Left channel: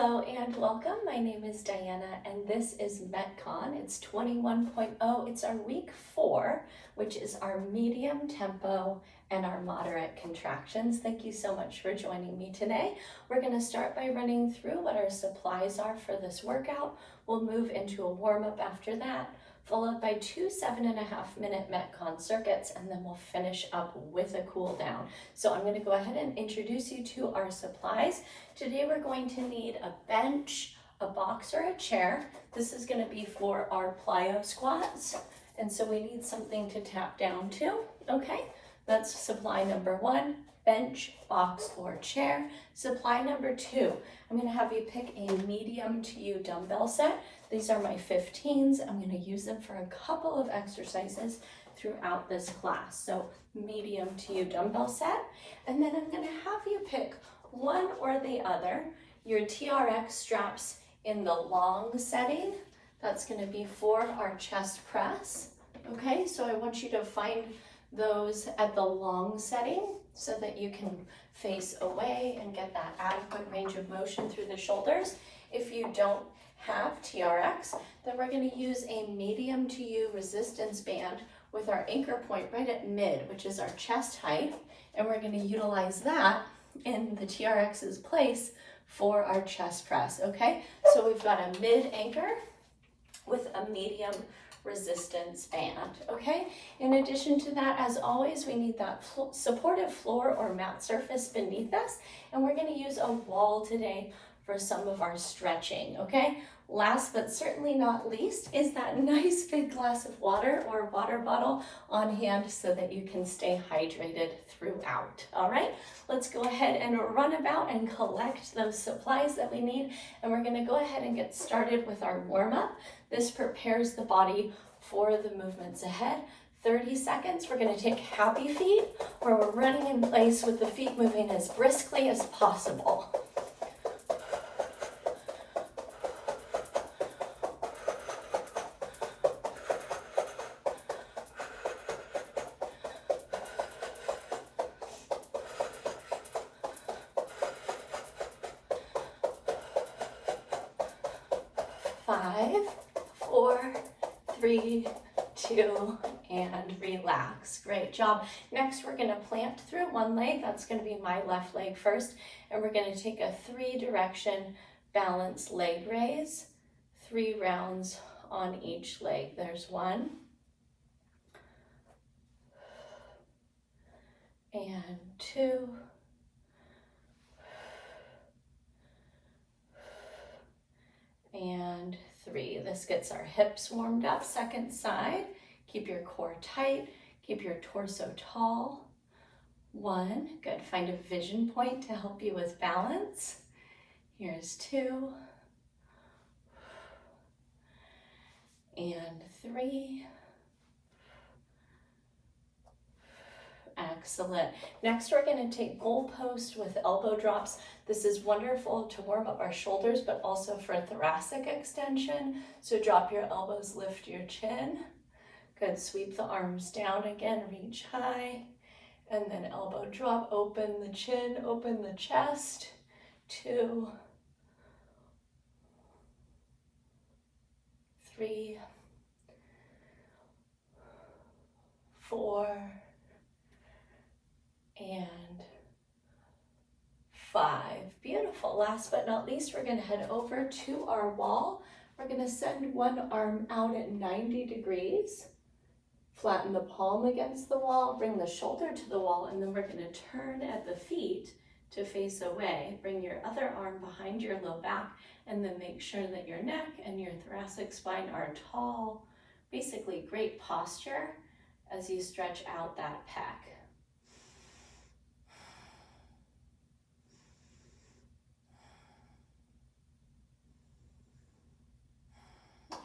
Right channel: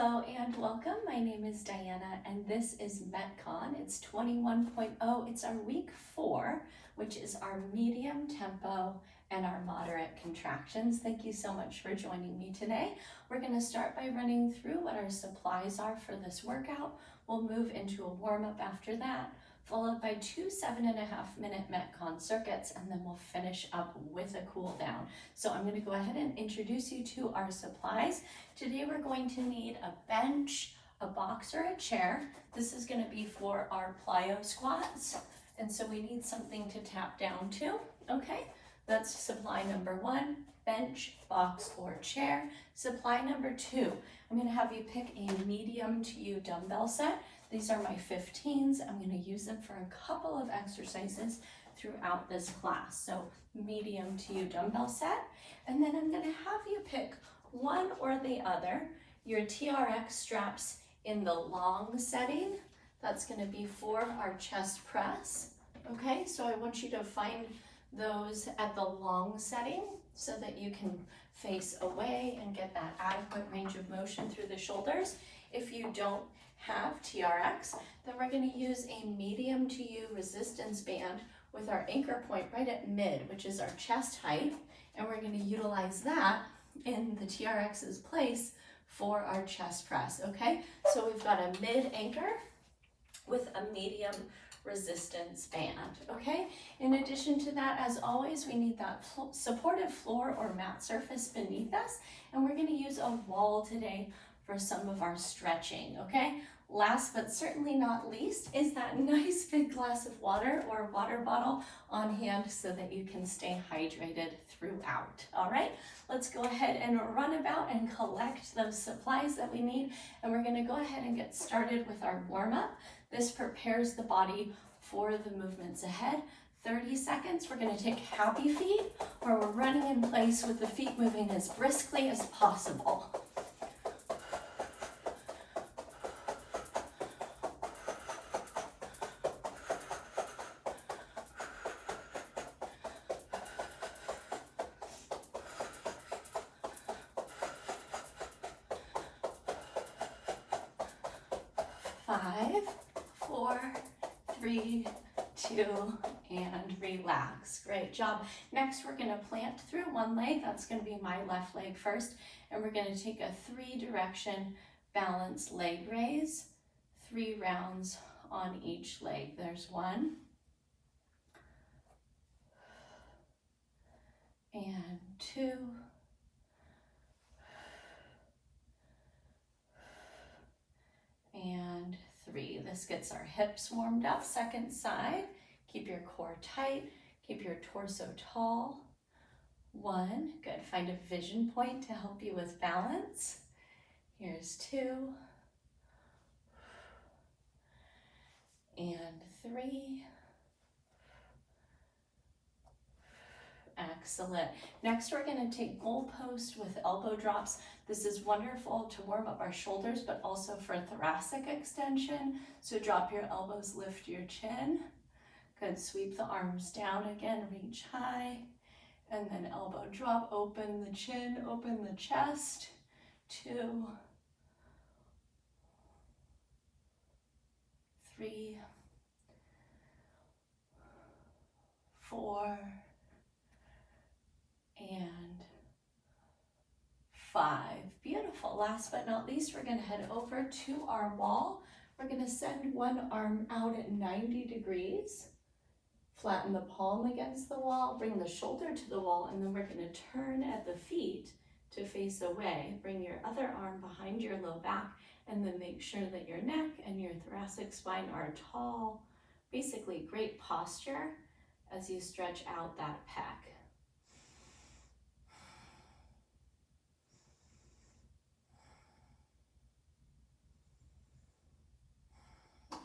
Hello and welcome. My name is Diana and this is MetCon. It's 21.0. It's our week 4, which is our medium tempo and our moderate contractions. Thank you so much for joining me today. We're going to start by running through what our supplies are for this workout. We'll move into a warm-up after that, followed by 2 7.5-minute MetCon circuits, and then we'll finish up with a cool down. So I'm going to go ahead and introduce you to our supplies. Today we're going to need a bench, a box, or a chair. This is going to be for our plyo squats, and so we need something to tap down to. Okay, that's supply number 1, bench, box, or chair. Supply number 2, I'm going to have you pick a medium to you dumbbell set. These are my 15s. I'm going to use them for a couple of exercises throughout this class. So medium to you dumbbell set. And then I'm going to have you pick one or the other. Your TRX straps in the long setting. That's going to be for our chest press. Okay, so I want you to find those at the long setting so that you can face away and get that adequate range of motion through the shoulders. If you don't have TRX, then we're going to use a medium to you resistance band with our anchor point right at mid, which is our chest height, and we're going to utilize that in the TRX's place for our chest press. Okay, so we've got a mid anchor with a medium resistance band. Okay, in addition to that, as always, we need that supportive floor or mat surface beneath us, and we're going to use a wall today for some of our stretching. Okay, last but certainly not least is that nice big glass of water or water bottle on hand so that you can stay hydrated throughout. All right, let's go ahead and run about and collect those supplies that we need, and we're going to go ahead and get started with our warm-up. This prepares the body for the movements ahead. 30 seconds, we're going to take happy feet, where we're running in place with the feet moving as briskly as possible. 5, 4, 3, 2, and relax. Great job. Next, we're going to plant through one leg. That's going to be my left leg first. And we're going to take a 3-direction balance leg raise, 3 rounds on each leg. There's 1. And 2. And 3. This gets our hips warmed up. Second side. Keep your core tight. Keep your torso tall. 1. Good. Find a vision point to help you with balance. Here's 2. And 3. Excellent. Next, we're going to take goalpost with elbow drops. This is wonderful to warm up our shoulders, but also for thoracic extension. So drop your elbows, lift your chin. Good. Sweep the arms down again, reach high, and then elbow drop. Open the chin, open the chest. 2, 3, 4, and 5. Beautiful. Last but not least, we're going to head over to our wall. We're going to send one arm out at 90 degrees. Flatten the palm against the wall, bring the shoulder to the wall, and then we're going to turn at the feet to face away. Bring your other arm behind your low back, and then make sure that your neck and your thoracic spine are tall. Basically, great posture as you stretch out that pec.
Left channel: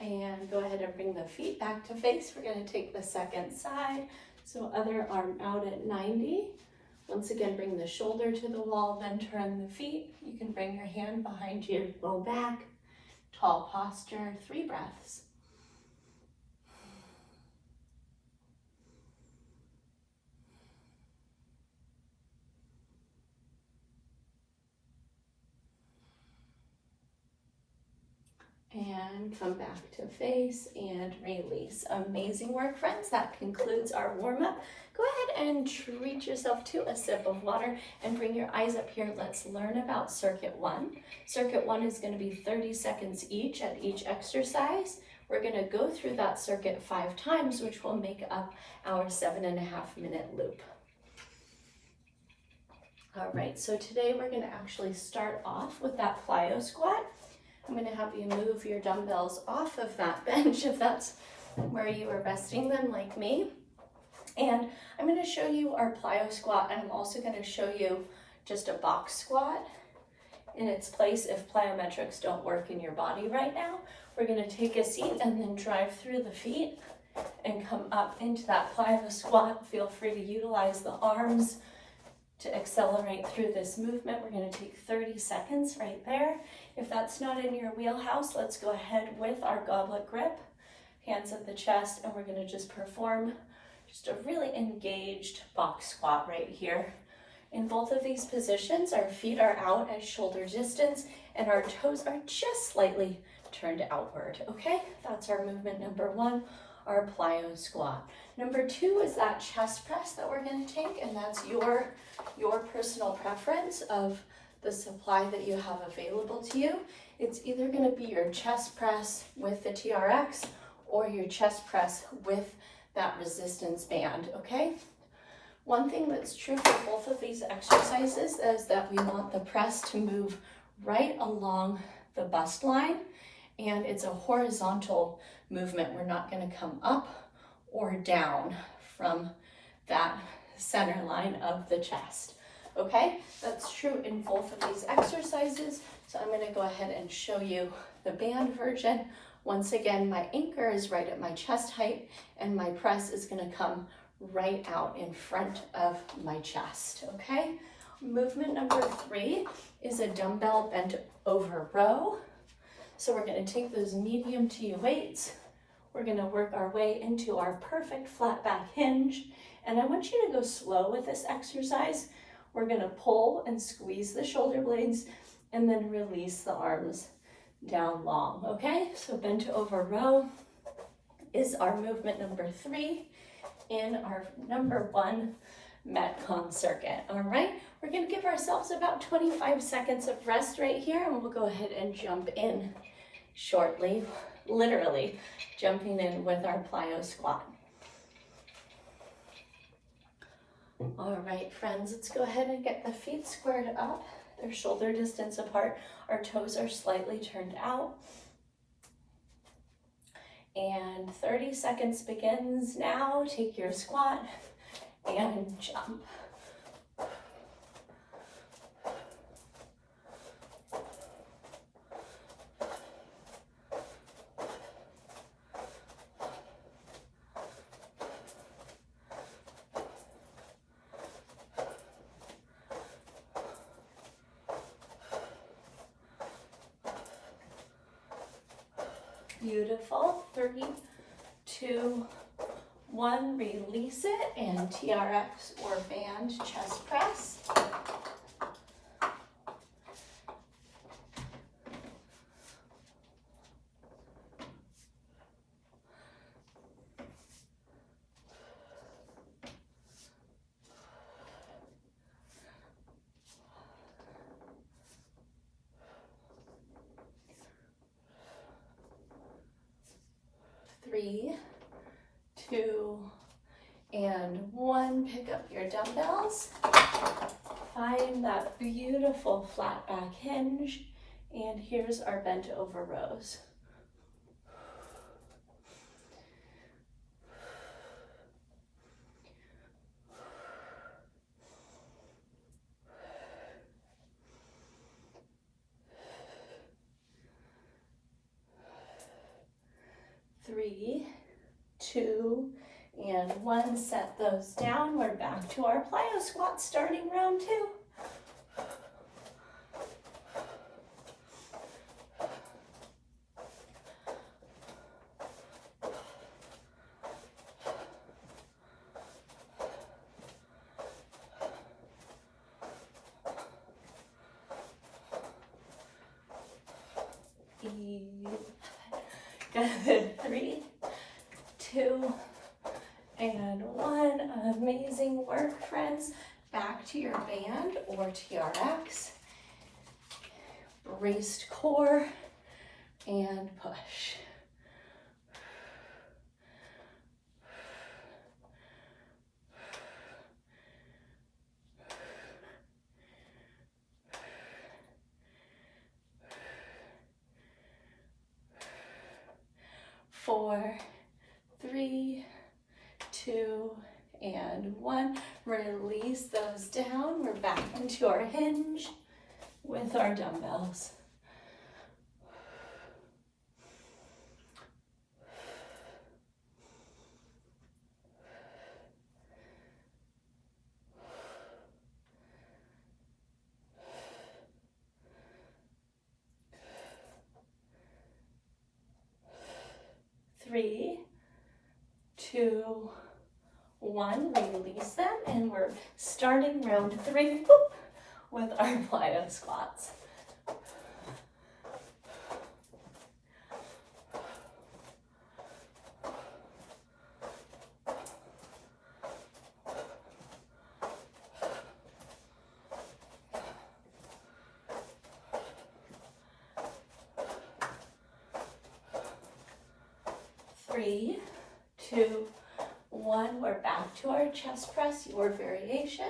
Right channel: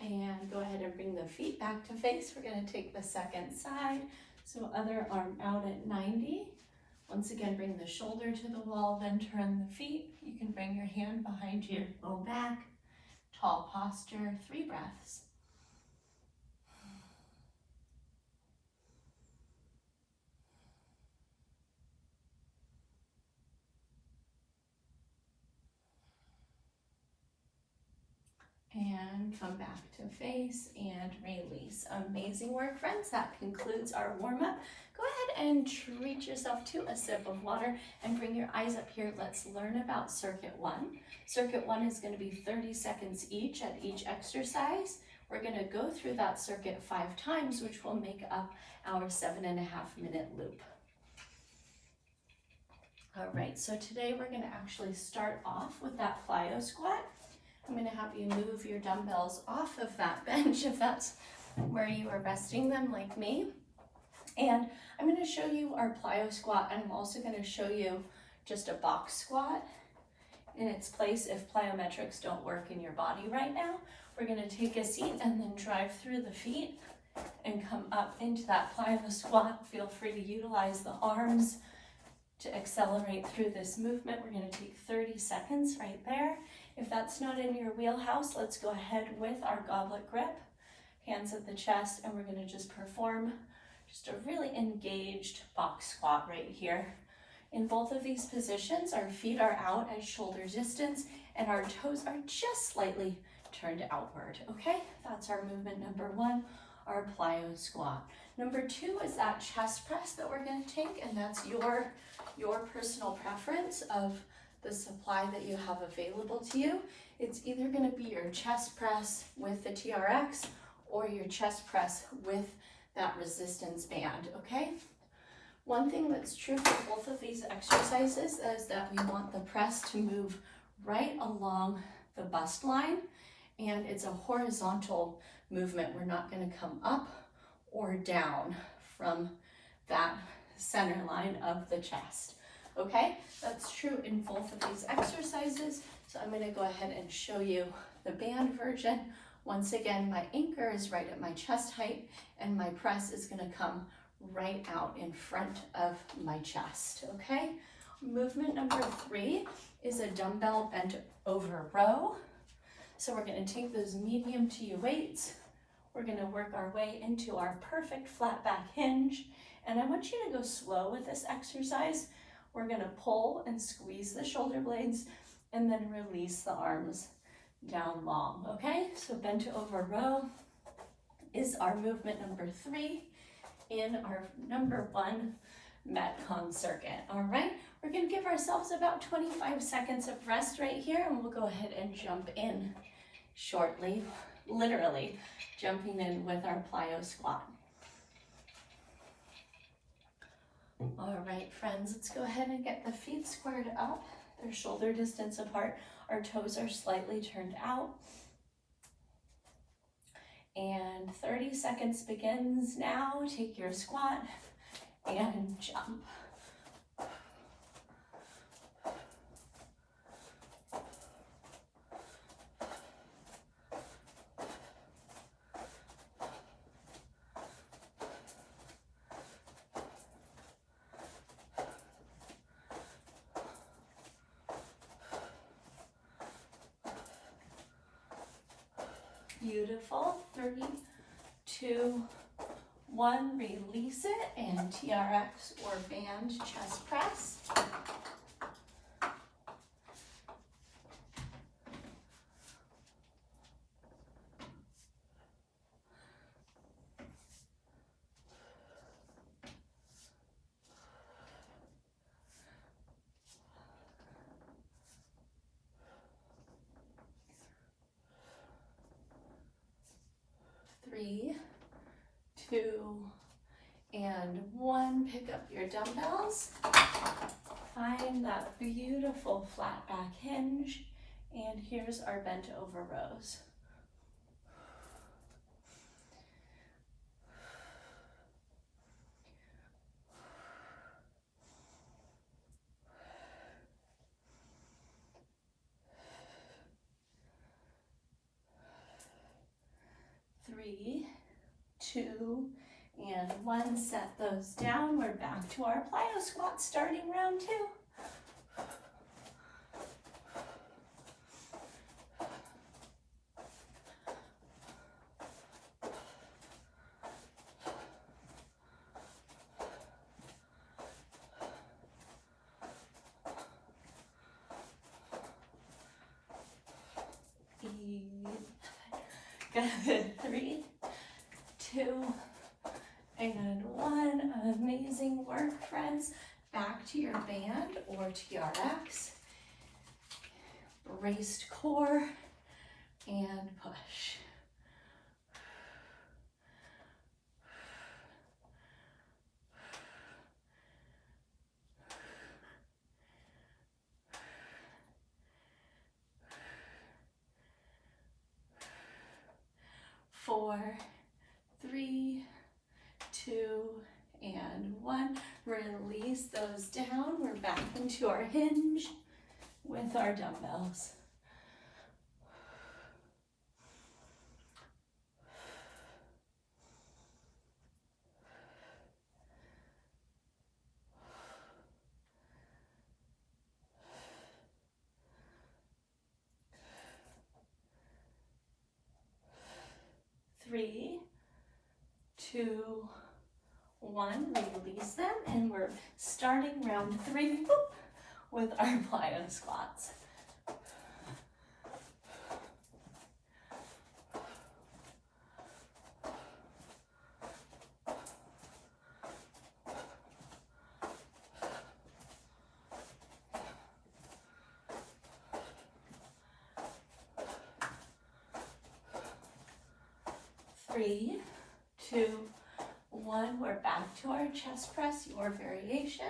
And go ahead and bring the feet back to face. We're going to take the second side. So other arm out at 90. Once again, bring the shoulder to the wall, then turn the feet. You can bring your hand behind your low back. Tall posture, 3 breaths. And come back to face and release. Amazing work, friends. That concludes our warm-up. Go ahead and treat yourself to a sip of water and bring your eyes up here. Let's learn about circuit one. Circuit one is going to be 30 seconds each at each exercise. We're going to go through that circuit 5 times, which will make up our 7.5-minute loop. All right, so today we're going to actually start off with that plyo squat. I'm going to have you move your dumbbells off of that bench if that's where you were resting them like me. And I'm going to show you our plyo squat, and I'm also going to show you just a box squat in its place if plyometrics don't work in your body right now. We're going to take a seat and then drive through the feet and come up into that plyo squat. Feel free to utilize the arms to accelerate through this movement. We're going to take 30 seconds right there. If that's not in your wheelhouse, let's go ahead with our goblet grip, hands at the chest, and we're going to just perform just a really engaged box squat right here. In both of these positions, our feet are out at shoulder distance and our toes are just slightly turned outward, okay? That's our movement number one, our plyo squat. Number two is that chest press that we're going to take, and that's your personal preference of the supply that you have available to you. It's either going to be your chest press with the TRX or your chest press with that resistance band, okay? One thing that's true for both of these exercises is that we want the press to move right along the bust line, and it's a horizontal movement. We're not going to come up or down from that center line of the chest. Okay, that's true in both of these exercises. So I'm going to go ahead and show you the band version. Once again, my anchor is right at my chest height and my press is going to come right out in front of my chest. Okay, movement number 3 is a dumbbell bent over row. So we're going to take those medium to you weights. We're going to work our way into our perfect flat back hinge. And I want you to go slow with this exercise. We're going to pull and squeeze the shoulder blades and then release the arms down long, okay? So bent over row is our movement number 3 in our number 1 MetCon circuit, all right? We're going to give ourselves about 25 seconds of rest right here, and we'll go ahead and jump in shortly, literally jumping in with our plyo squat. All right, friends, let's go ahead and get the feet squared up. They're shoulder distance apart. Our toes are slightly turned out. And 30 seconds begins now. Take your squat and jump. Beautiful. 3, 2, 1. Release it and TRX or band chest press. Three, 2, and 1. Pick up your dumbbells. Find that beautiful flat back hinge. And here's our bent over rows. Three, 2, and 1. Set those down. We're back to our plyo squat starting round 2. 3, 2, and 1. Amazing work, friends. Back to your band or TRX. Braced core and push. Four, 3, 2, and 1. Release those down. We're back into our hinge with our dumbbells. Three, 2, 1, release them, and we're starting round 3 with our plyo squats. Three, 2, 1, we're back to our chest press, your variation.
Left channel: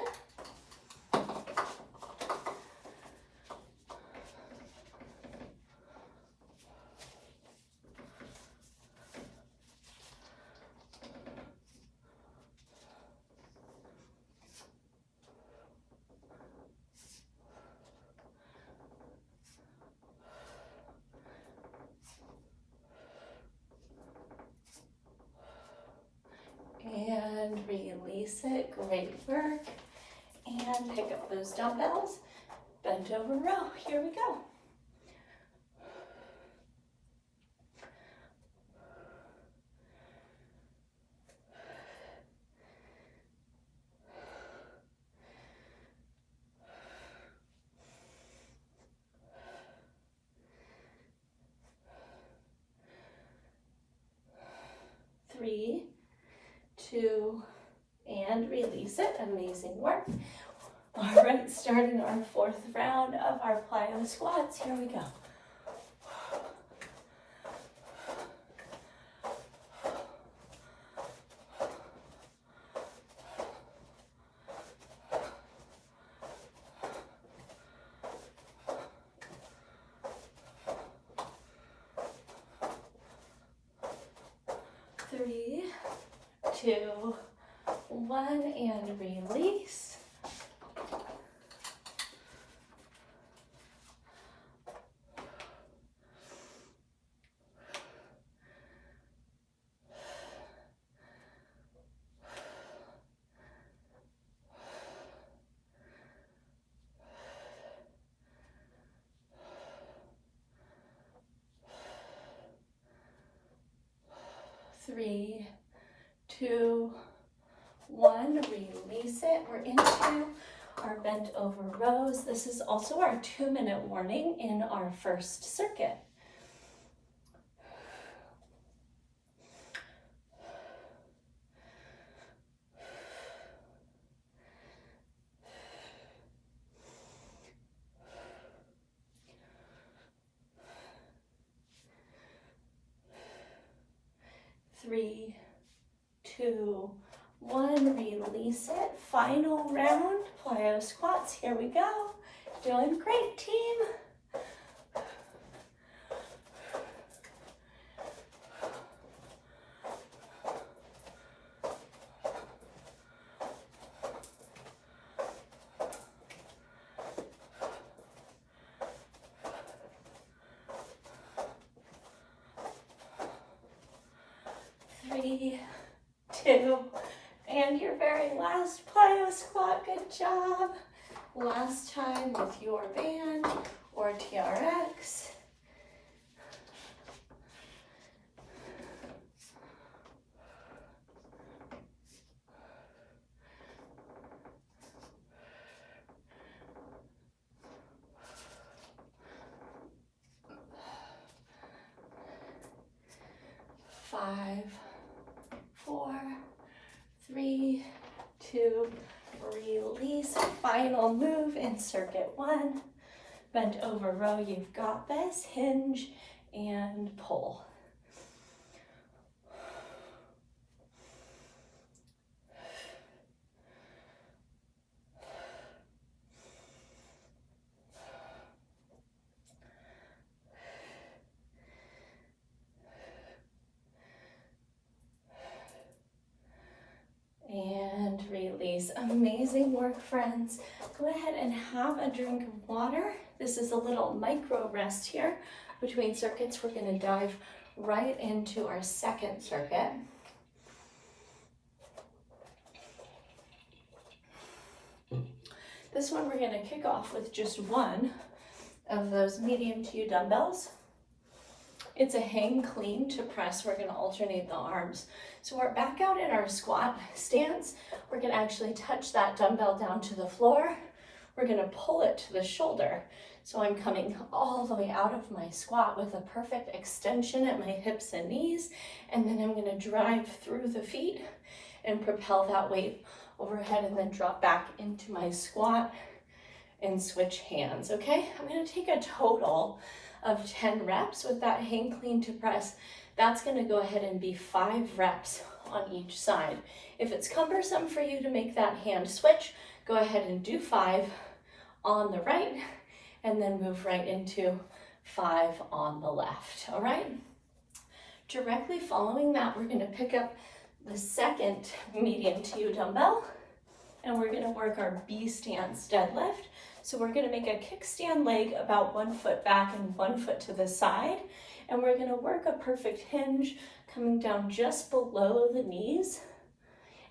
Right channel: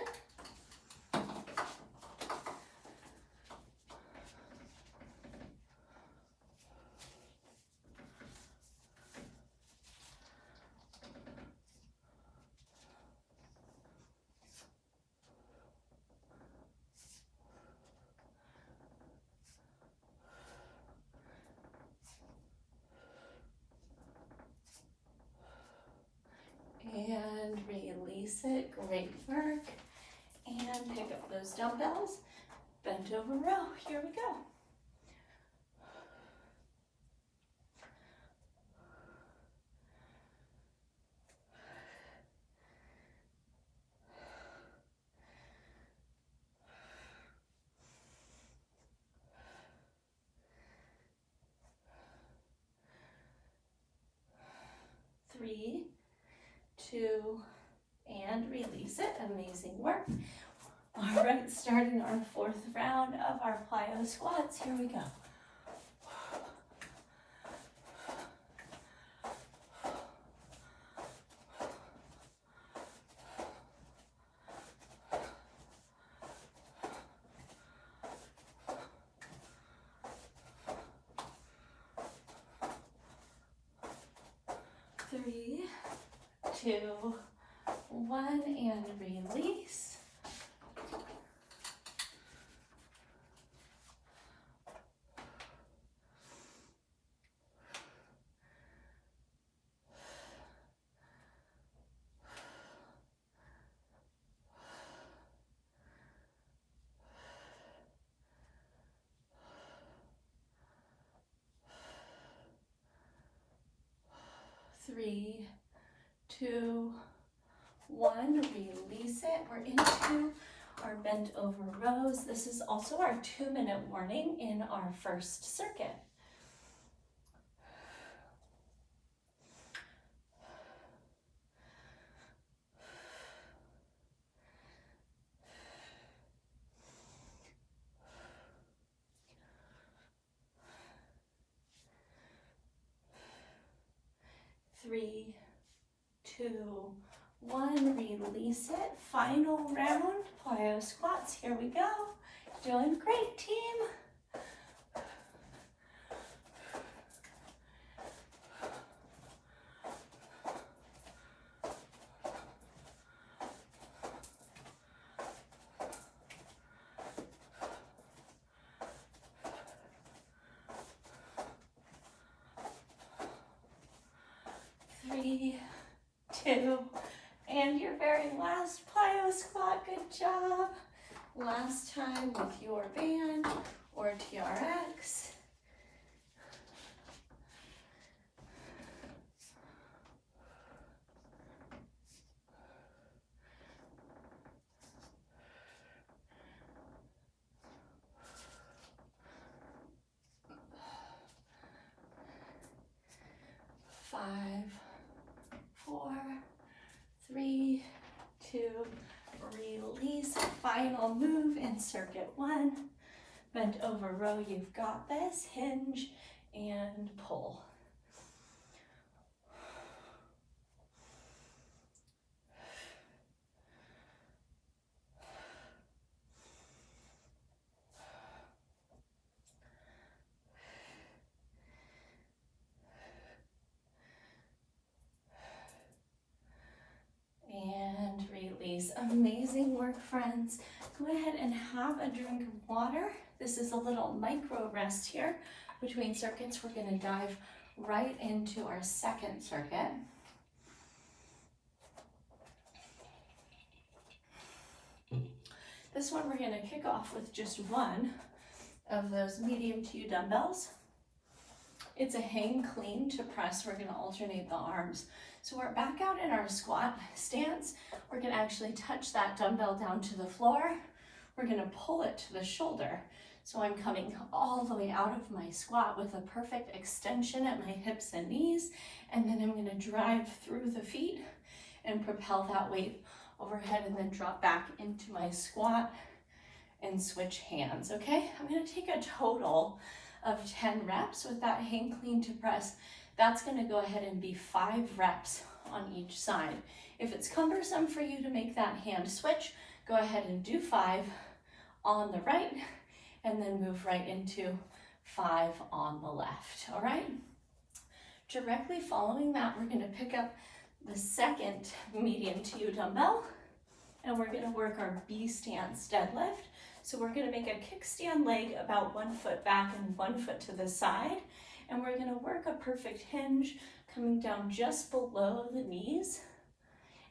And release it, great work. And pick up those dumbbells, bent over row, here we go. Three, 2, and release it. Amazing work. All right, starting our 4th round of our plyo squats. Here we go. Three, 2, 1, and release. Three, 2, 1, release it. We're into our bent over rows. This is also our 2-minute warning in our first circuit. Three, 2, 1, release it. Final round, plyo squats. Here we go. Doing great, team. Three, 2, and your very last plyo squat. Good job. Last time with your band or TRX. 5, 4, 3, 2, release. Final move in circuit 1. Bent over row, you've got this. Hinge and pull. And release. Amazing work, friends. Go ahead and have a drink of water. This is a little micro rest here between circuits. We're going to dive right into our second circuit. This one we're going to kick off with just one of those medium to dumbbells. It's a hang clean to press. We're going to alternate the arms. So we're back out in our squat stance. We're going to actually touch that dumbbell down to the floor. We're going to pull it to the shoulder. So I'm coming all the way out of my squat with a perfect extension at my hips and knees. And then I'm going to drive through the feet and propel that weight overhead and then drop back into my squat and switch hands, okay? I'm going to take a total of 10 reps with that hang clean to press. That's going to go ahead and be 5 reps on each side. If it's cumbersome for you to make that hand switch, go ahead and do 5 on the right and then move right into 5 on the left, all right? Directly following that, we're going to pick up the second medium to you dumbbell and we're going to work our B stance deadlift. So we're going to make a kickstand leg about 1 foot back and 1 foot to the side. And we're going to work a perfect hinge coming down just below the knees.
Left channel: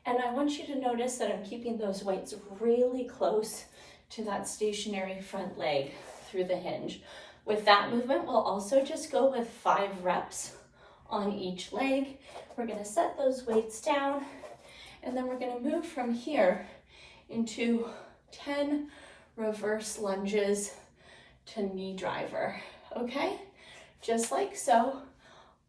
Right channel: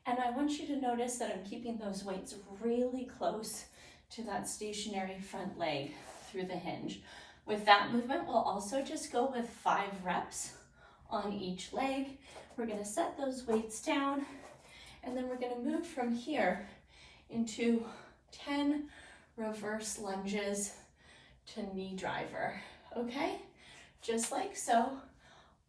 And I want you to notice that I'm keeping those weights really close to that stationary front leg through the hinge. With that movement, we'll also just go with 5 reps on each leg. We're going to set those weights down. And then we're going to move from here into 10 reverse lunges to knee driver, okay? Just like so.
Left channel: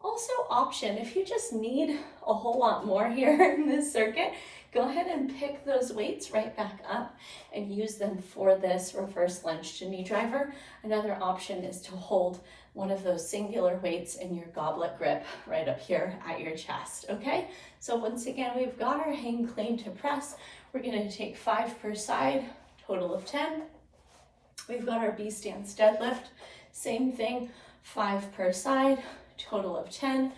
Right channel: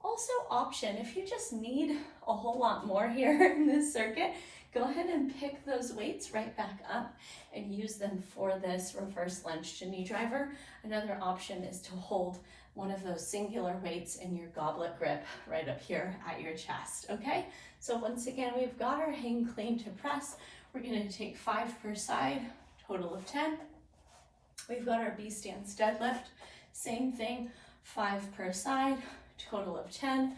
Also option, if you just need a whole lot more here in this circuit, go ahead and pick those weights right back up and use them for this reverse lunge to knee driver. Another option is to hold one of those singular weights in your goblet grip right up here at your chest, okay? So once again, we've got our hang clean to press. We're gonna take 5 per side, total of 10. We've got our B stance deadlift, same thing, 5 per side, total of 10.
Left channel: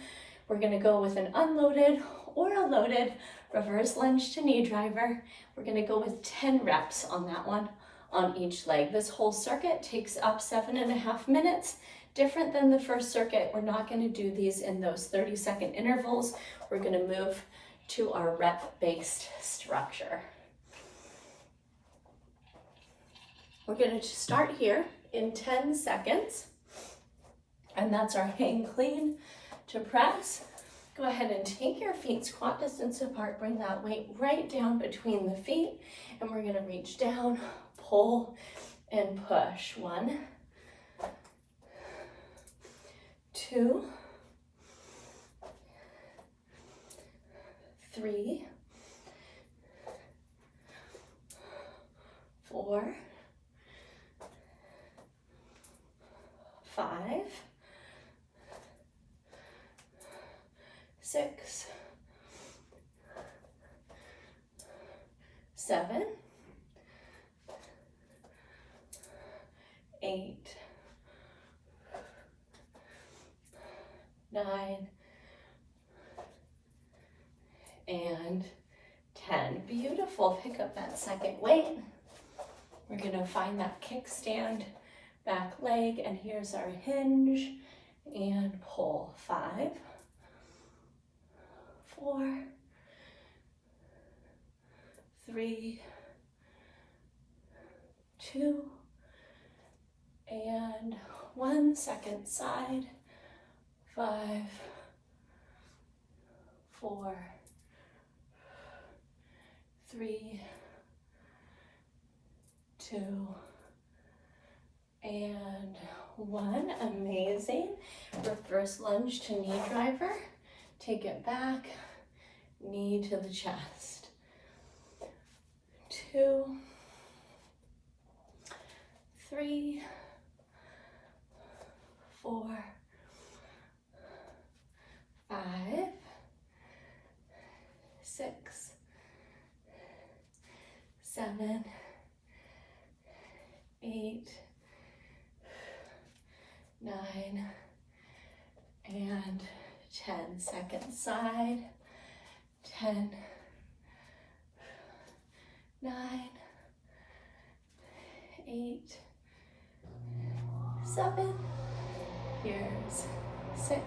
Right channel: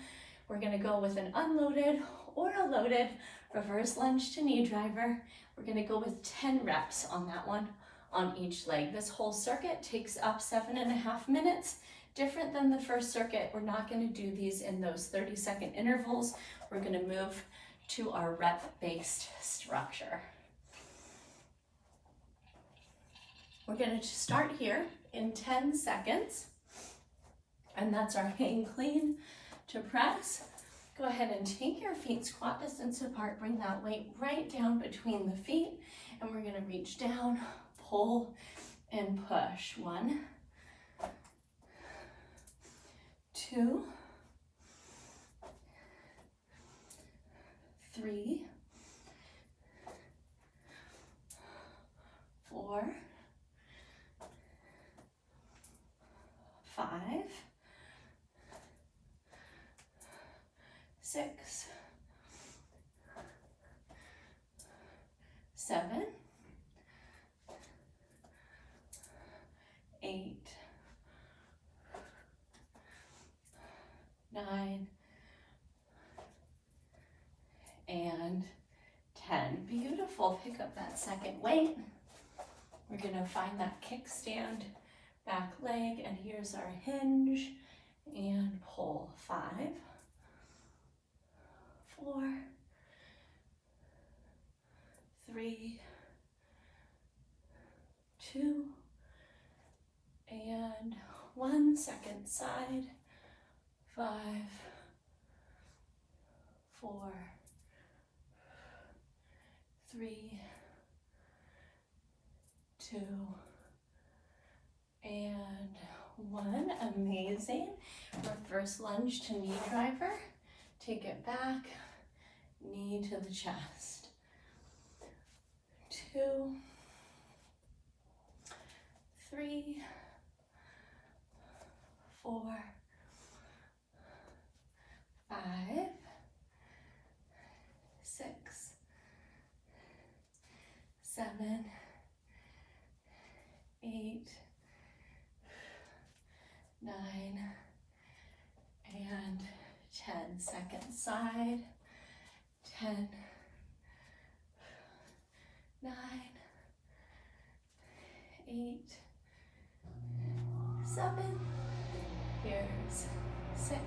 We're gonna go with an unloaded or a loaded reverse lunge to knee driver. We're gonna go with 10 reps on that one on each leg. This whole circuit takes up 7.5 minutes. Different than the first circuit, we're not gonna do these in those 30-second intervals. We're gonna move to our rep-based structure. We're going to start here in 10 seconds, and that's our hang clean to press. Go ahead and take your feet squat distance apart, bring that weight right down between the feet, and we're going to reach down, pull, and push. 1, 2, 3, 4, 5, 6, 7, 8, 9, and 10. Beautiful. Pick up that second weight. We're going to find that kickstand back leg, and here's our hinge and pull. 5, 4, 3, 2, and 1. Second side. 5, 4, 3, 2, and 1. Amazing. Reverse lunge to knee driver. Take it back, knee to the chest. 2, 3, 4, 5, 6, 7, 8, 9, and 10. Second side. 10, 9, 8, 7. Here's 6,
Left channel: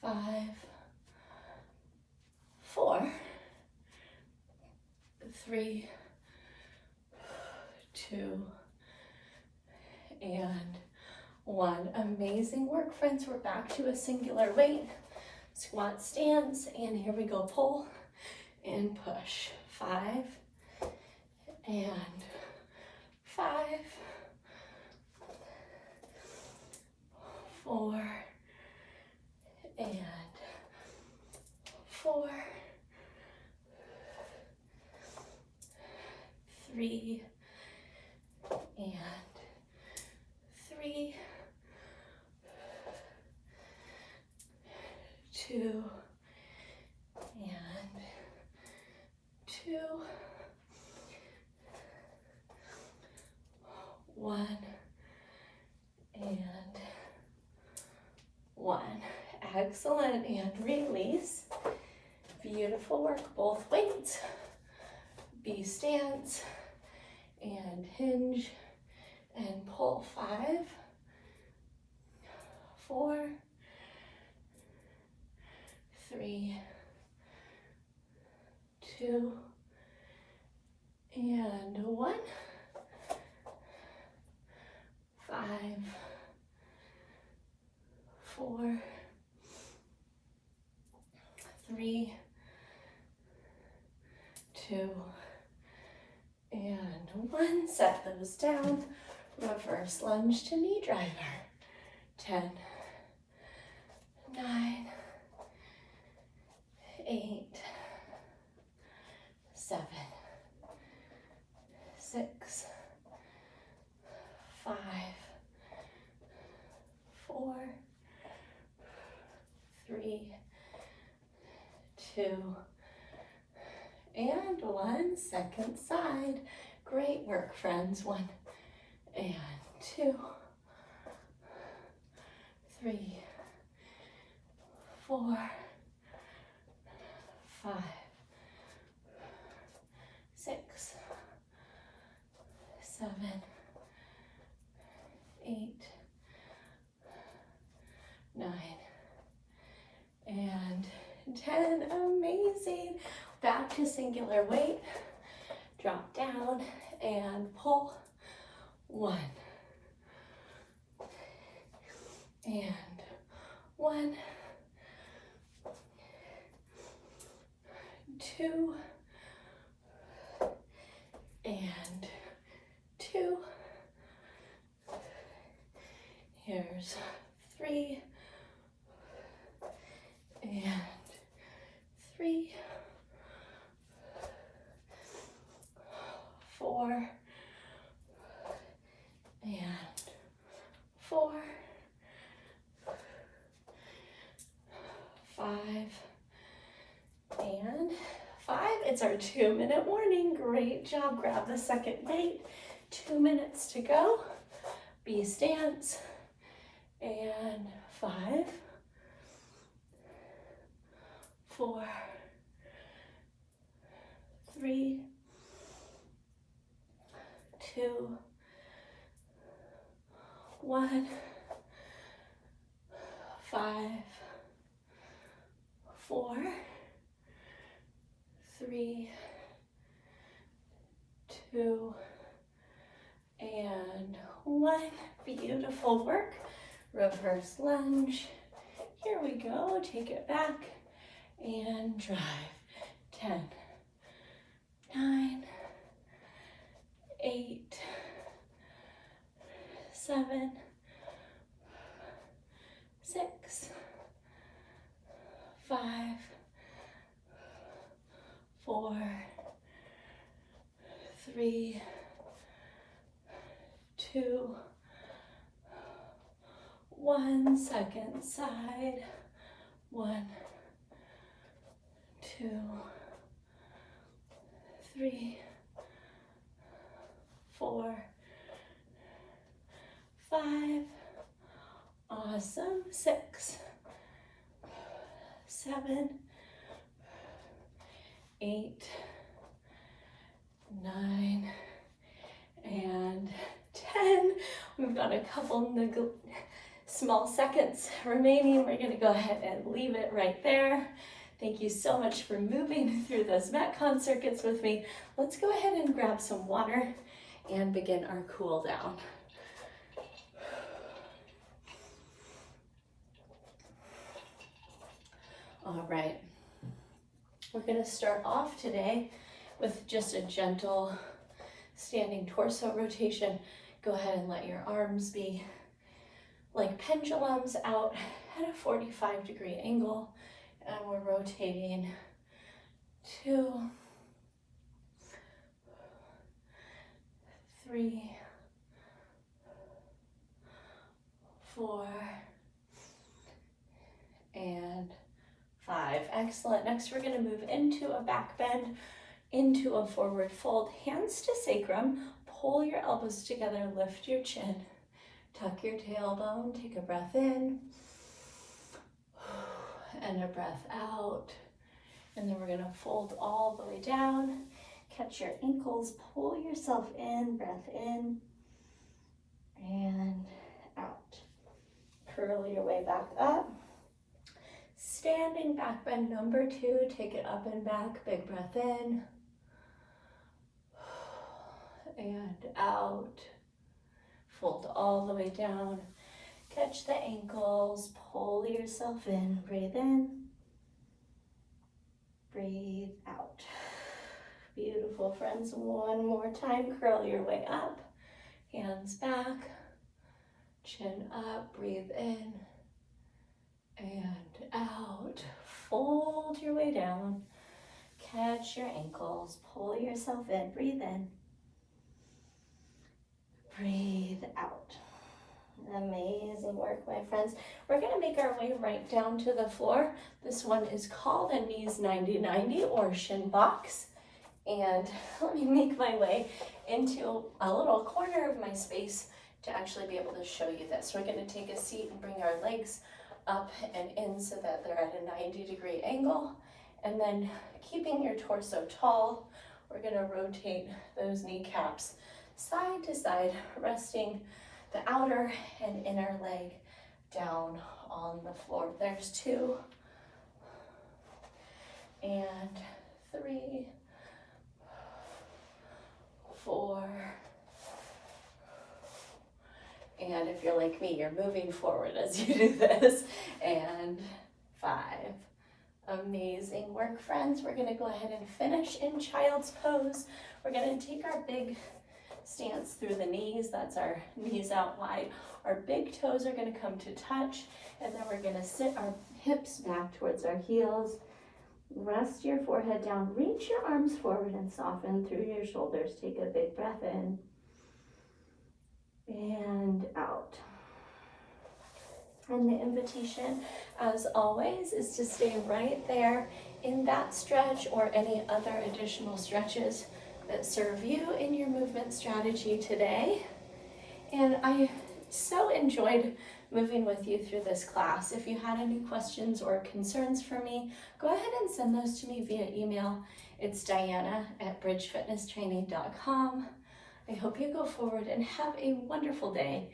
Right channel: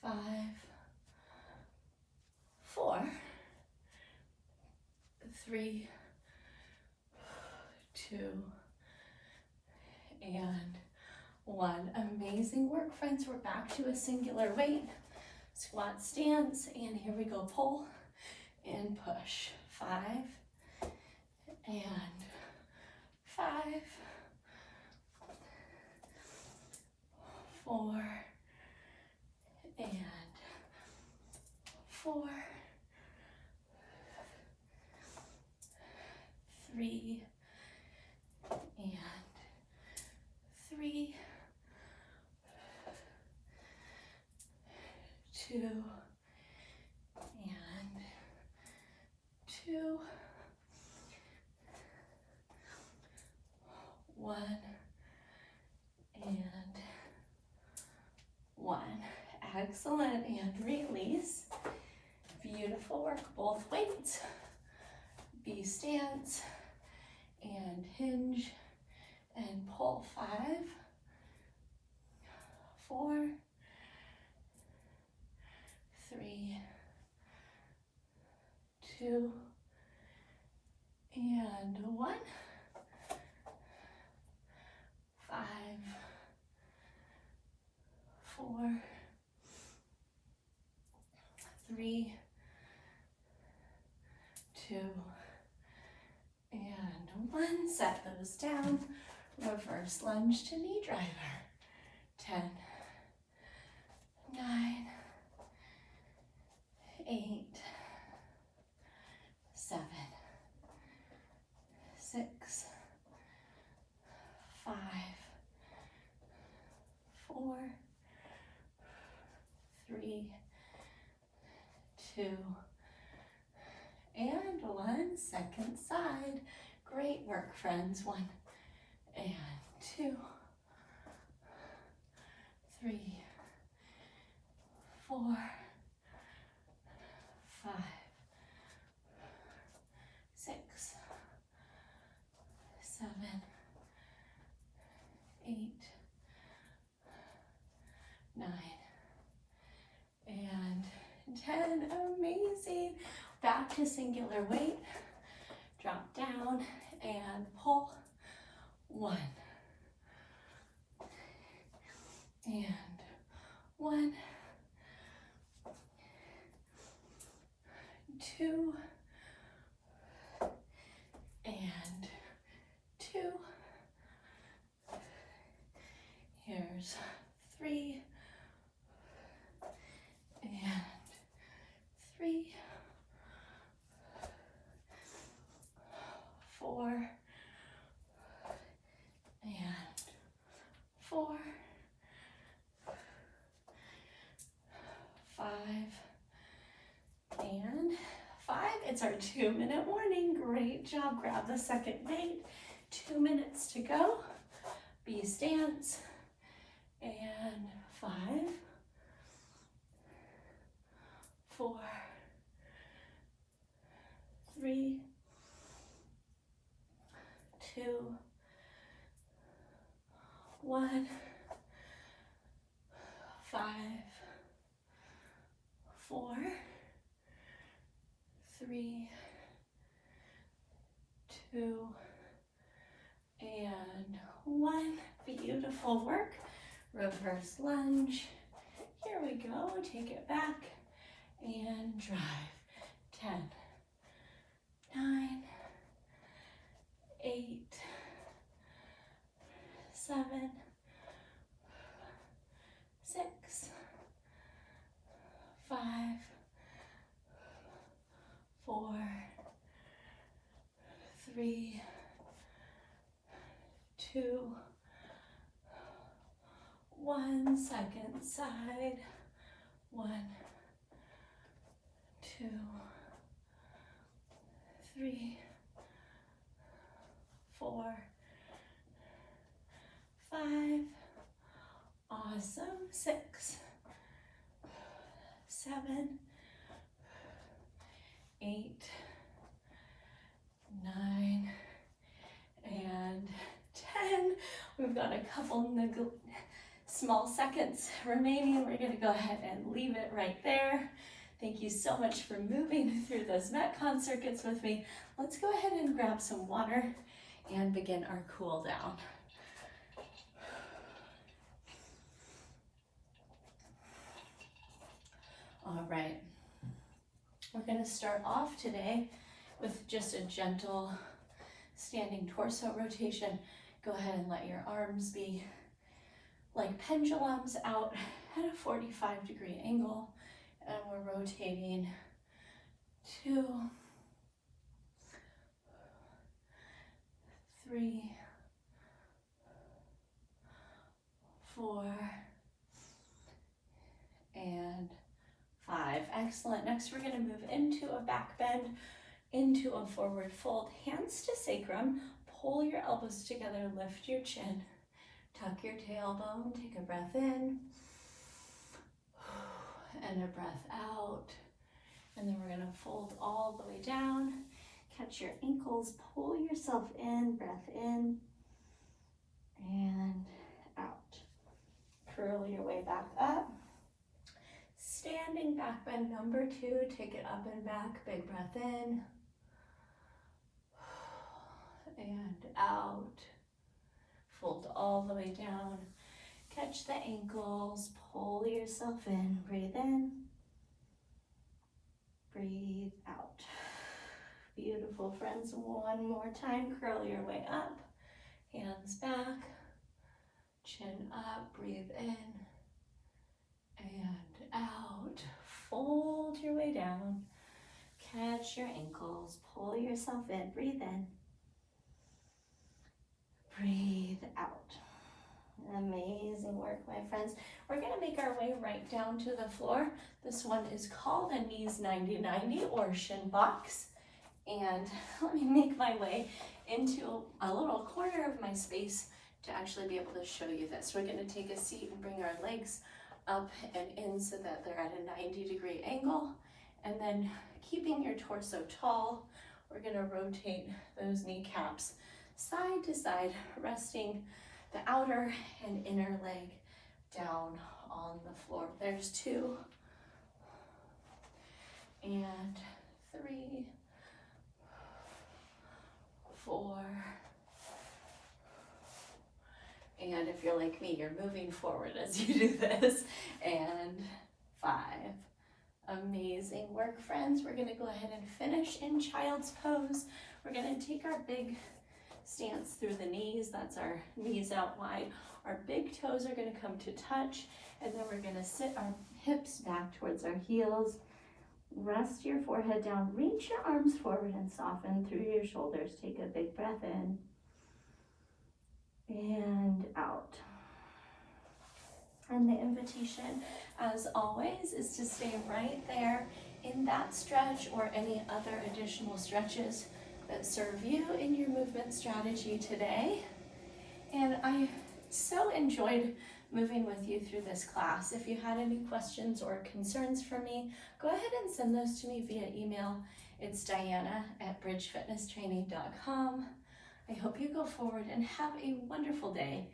5, 4, 3, 2, and 1. Amazing work, friends. We're back to a singular weight. Squat stance, and here we go. Pull and push. 5 and 5, 4 and 4, 3 and 3, 2 and 2, 1 and 1. Excellent, and release. Beautiful work, both weights. B stance, and hinge, and pull. 5, 4, 3, 2, and 1. 5, 4, 3, 2, and 1. Set those down. Reverse lunge to knee driver. 10, 9, 8, 7, 6, 5, 4, 3, 2, and 1. Second side. Great work, friends. 1 and 2, 3, 4, 5, 6, 7, 8, 9, and 10. Amazing. Back to singular weight. Drop down and pull. 1 and 1, 2 and 2. Here's 3 and 3, 4 and 4, 5 and 5. It's our 2-minute warning. Great job. Grab the second weight. 2 minutes to go. B stance. And 5, 4, 3, 2, 1, 5, 4, 3, 2, and 1. Beautiful work. Reverse lunge. Here we go. Take it back and drive. 10, 9, 8, 7, 6, 5, 4, 3, 2, 1. Second side. 1, 2, 3, 4, 5. Awesome. 6, 7, 8, 9, and 10. We've got a couple small seconds remaining. We're going to go ahead and leave it right there. Thank you so much for moving through those MetCon circuits with me. Let's go ahead and grab some water and begin our cool down. All right, we're going to start off today with just a gentle standing torso rotation. Go ahead and let your arms be like pendulums out at a 45-degree angle, and we're rotating 2, 3, 4, and 5. Excellent. Next, we're going to move into a back bend, into a forward fold, hands to sacrum, pull your elbows together, lift your chin, tuck your tailbone, take a breath in, and a breath out. And then we're going to fold all the way down, catch your ankles, pull yourself in, breath in, and out. Curl your way back up. Standing back bend number 2, take it up and back, big breath in, and out. Fold all the way down, catch the ankles, pull yourself in, breathe in, breathe out. Beautiful, friends. One more time, curl your way up, hands back, chin up, breathe in, and out. Fold your way down, catch your ankles, pull yourself in, breathe in, breathe out. Amazing work, my friends. We're going to make our way right down to the floor. This one is called a knees 90-90 or shin box. And let me make my way into a little corner of my space to actually be able to show you this. We're going to take a seat and bring our legs up and in so that they're at a 90-degree angle. And then keeping your torso tall, we're going to rotate those kneecaps side to side, resting the outer and inner leg down on the floor. There's 2 and 3, 4, and if you're like me, you're moving forward as you do this, and 5. Amazing work, friends. We're going to go ahead and finish in child's pose. We're going to take our big stance through the knees. That's our knees out wide. Our big toes are going to come to touch, and then we're going to sit our hips back towards our heels. Rest your forehead down. Reach your arms forward and soften through your shoulders. Take a big breath in and out. And the invitation, as always, is to stay right there in that stretch or any other additional stretches that serve you in your movement strategy today. And I so enjoyed moving with you through this class. If you had any questions or concerns for me, go ahead and send those to me via email. It's diana@bridgefitnesstraining.com. I hope you go forward and have a wonderful day.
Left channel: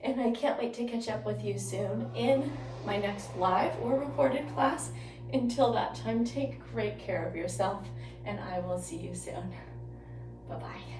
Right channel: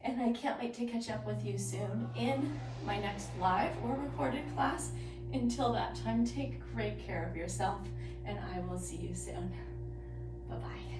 And I can't wait to catch up with you soon in my next live or recorded class. Until that time, take great care of yourself, and I will see you soon. Bye-bye.